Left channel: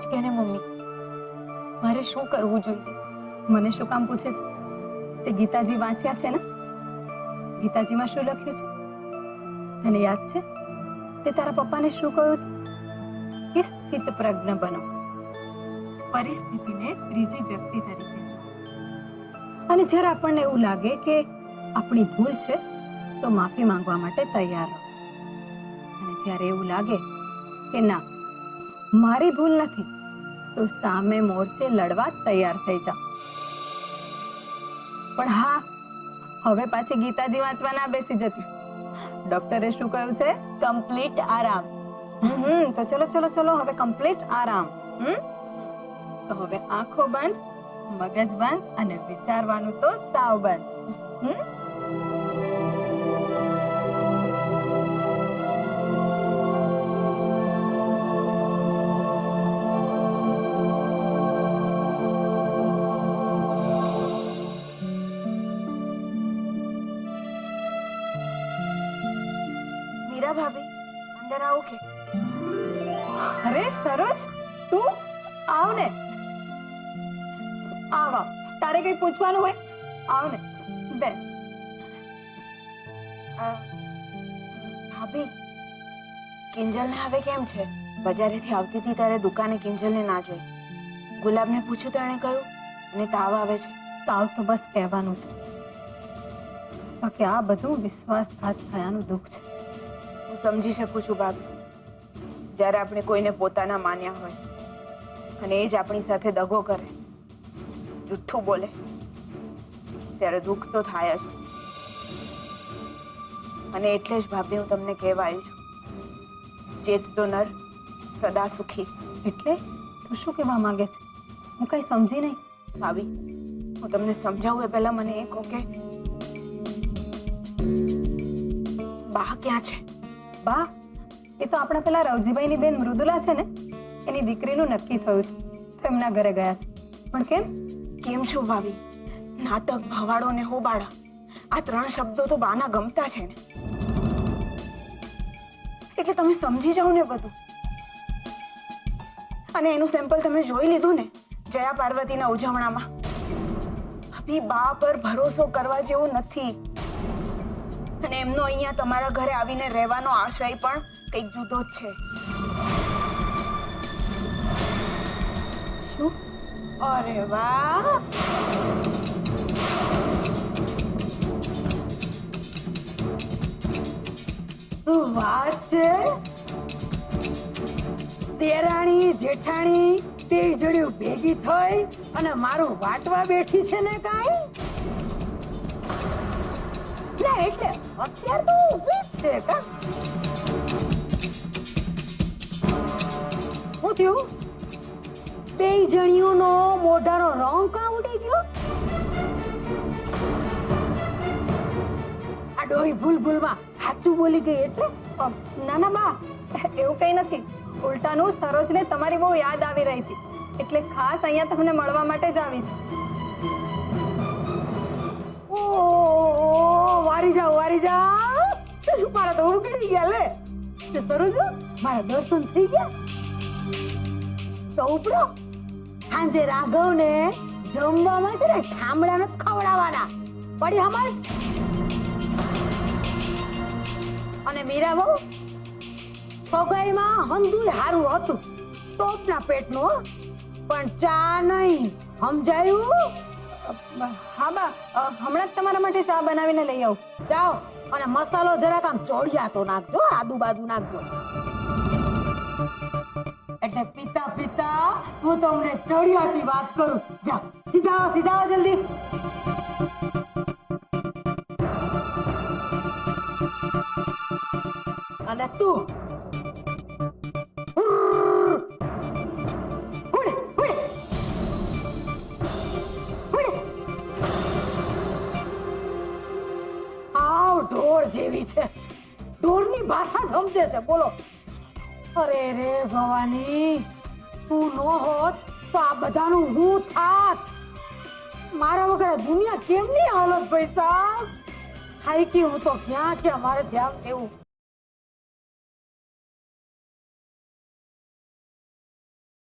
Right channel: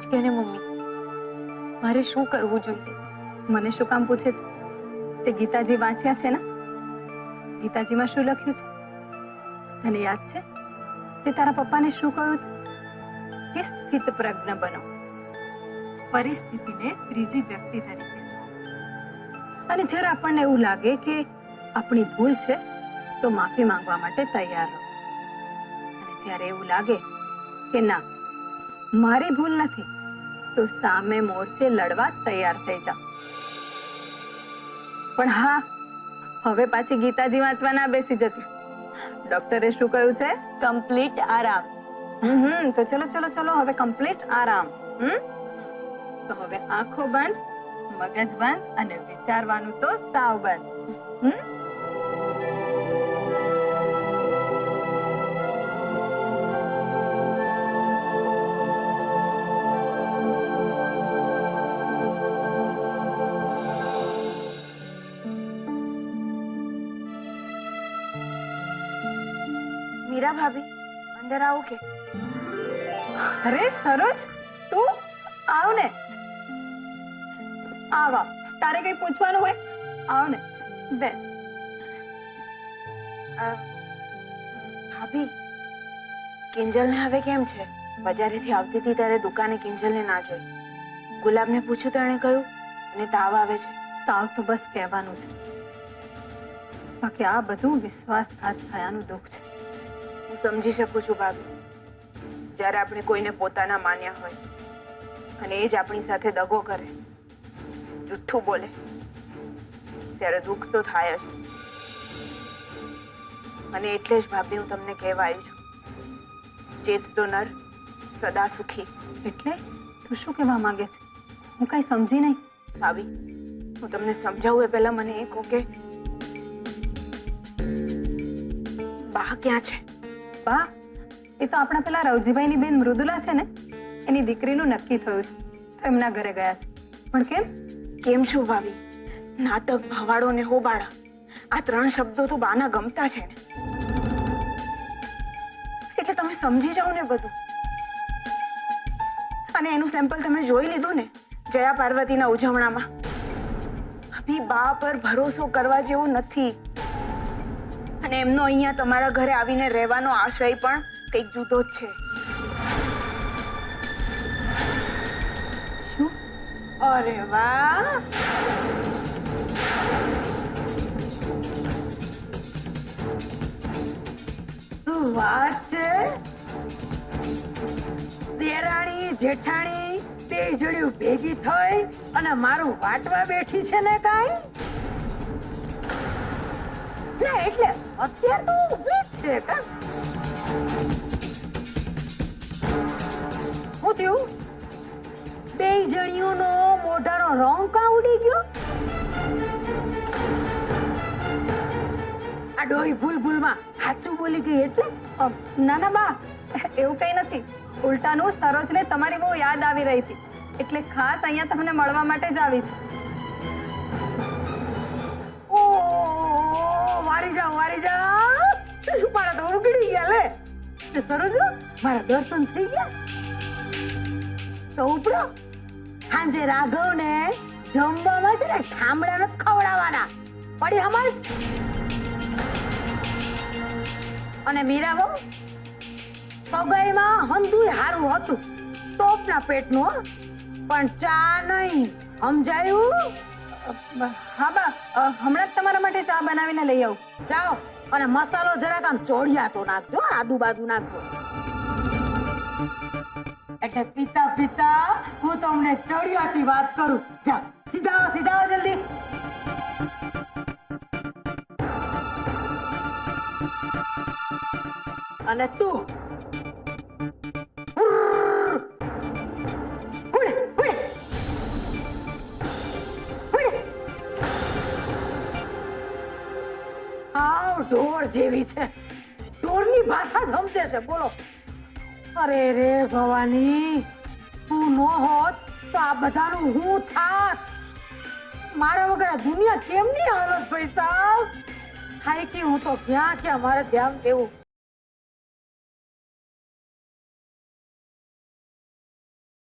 જ કે ને મમ્મી, મારે શું કરવું જોઈએ? મને શું કામ પૂછે છે? તે ગીતાજી વાંચ્યા છે ને? ગીતાજીમાં શું લખ્યું છે તને યાદ છે? તે તારા પપ્પાને શું કહ્યું હતું કે સ્થિત પ્રજ્ઞ બનો, પરિસ્થિતિને ત્રીજી વ્યક્તિ તરીકે જુઓ, અને જ્યારે આપણને એવું લાગે કે આપણી ભૂલ છે તો માફી માંગવા માટે તૈયાર રહો, અને જ્યારે એવું લાગે કે ના મારી ભૂલ નથી તો સામે મોરચે લડવા તૈયાર થઈ જાઓ. પણ હા, હવે પાછી ગીતાજી વાંચવા ના બેસી જતી. ડોક્ટરે શું કહ્યું છે? કમ્પ્લીટ આરામ. તો ચલો ચલો ચલો, હવે કમ્પ્લીટ આરામ. તો હવે આંખો બંધ, મગજ બંધ, અને વિચારવાનું તો સાવ બંધ. મીરા ભાભી, અંદર આવો કે? અરે સરોજ, તું આવ ને. આવ આવ, તારે કઈ પૂછવાનું હોય આવ ને, બેસ. ભાભી, કિંજલને હવે કેમ છે? બજારેથી આવતી હતી ત્યારે દુકાને કિંજલને ના જોઈ. ગુલાબને પૂછ્યું તો એણે કહ્યું એને તાવ આવે છે. તાવ તો બસ કહેવાનું છે, બાકી આ બધું વિશ્વાસઘાત થયાનું દુઃખ છે. હું સમજી શકું છું ભાભી, જ્યારે આપણે કોઈને પોતાના માન્યા હોય અને એ જ આપણી સાથે દગો કરે, જુઠ્ઠું બોલે, ત્યારે દુઃખ તો થાય જ. અને એટલે જ ભાભી હું તમને કહેવા આવી છું, ચેત તો નર સદા સુખી. એટલે તું શું કહેવા માંગે છે? હું કઈ સમજી નહીં. ભાભી, હું તમને સમજાવું એ પહેલા મને એ કહો કે બા ક્યાં છે? બા, એ તો આપણા પેલા રવજીભાઈની બેન મૃદુલા છે ને, એની દીકરીનું નક્કી થયું છે તો એમના ઘરે ગયા છે. પણ કેમ? કેમ શું ભાભી? નાટક, ભવાડો ને હોબાળા, આ ત્રણ શબ્દો તો બાના ગમતા છે ને, એટલે તમે સમજી જાઓ ને બધું. અને એનું સેમ્પલ તમે જોઈ લીધું ને જયા પાર્વતીના ઉજવણામાં. ભાભી, બા પર ભરોસો કરવા જેવું નથી. અને એમનો અહીંયા તમારા ઘરે આવીને રહેવાનો આશય પણ કંઈક જુદો જ છે. શું? અરે વાહ, શું વાત છે! દેરાણી જેઠાણી બે જણ્યું ભેગી થઈ અને મારું વાટવા બેઠી છે ને કાઈ? ના એટલે અત્યારે તો ઊભી જ છે કા? શું થયું? બે જણીઓનો મોઢાનો રંગ કા ઉડી ગયો? આ ડોહી ભૂલમાં સાચું બોલી ગઈ એટલે? ના ના બા, એવું કઈ નથી. ઉલટાનું સરોજને તમારી બહુ યાદ આવી રહી હતી, એટલે ખાસ અહીંયા તમને મળવા માટે જ આવી છે. ઓ વારી જાઓ મારા તો ઉગડી ગયા લે. સરોજ, મારા દર્શન થઈ ગયા. તો ઉપડો, સાંજે રાઘવ ને જમવામાં છે ને ઠામડા નથી ખવડાવવાના, પડી સમજ? અને મીરા બહુ સગાઈમાં હંધુય હારું હતું, ટોપના પેટનું, પણ ચા નહીં, સમજાયું? હા બા, હમણાં જ તમારા માટે ચા બનાવીને લઈ આવું. જાઓ, અને મસાલો જરાક આમ ચોડિયા તો નાખજો, આદુ બાદુ નાખજો. એટલે પીતા પીતા હું તમને ચોડિયાથી વાત કરું. જાઓ, સીધા આવો જલ્દી. અને તું ઢોર જેવી છે, ઢોરની ભાષા જ સમજે છે. બોલો. અરે રે ભવાની, તું નો હોત તો આ બધાનું હું થાત. મારા વગર આ દુનિયા કેમની હાલત ભાઈ સાહેબ? થાકી હું તો ક્યાં મારે ધ્યાન દેવું.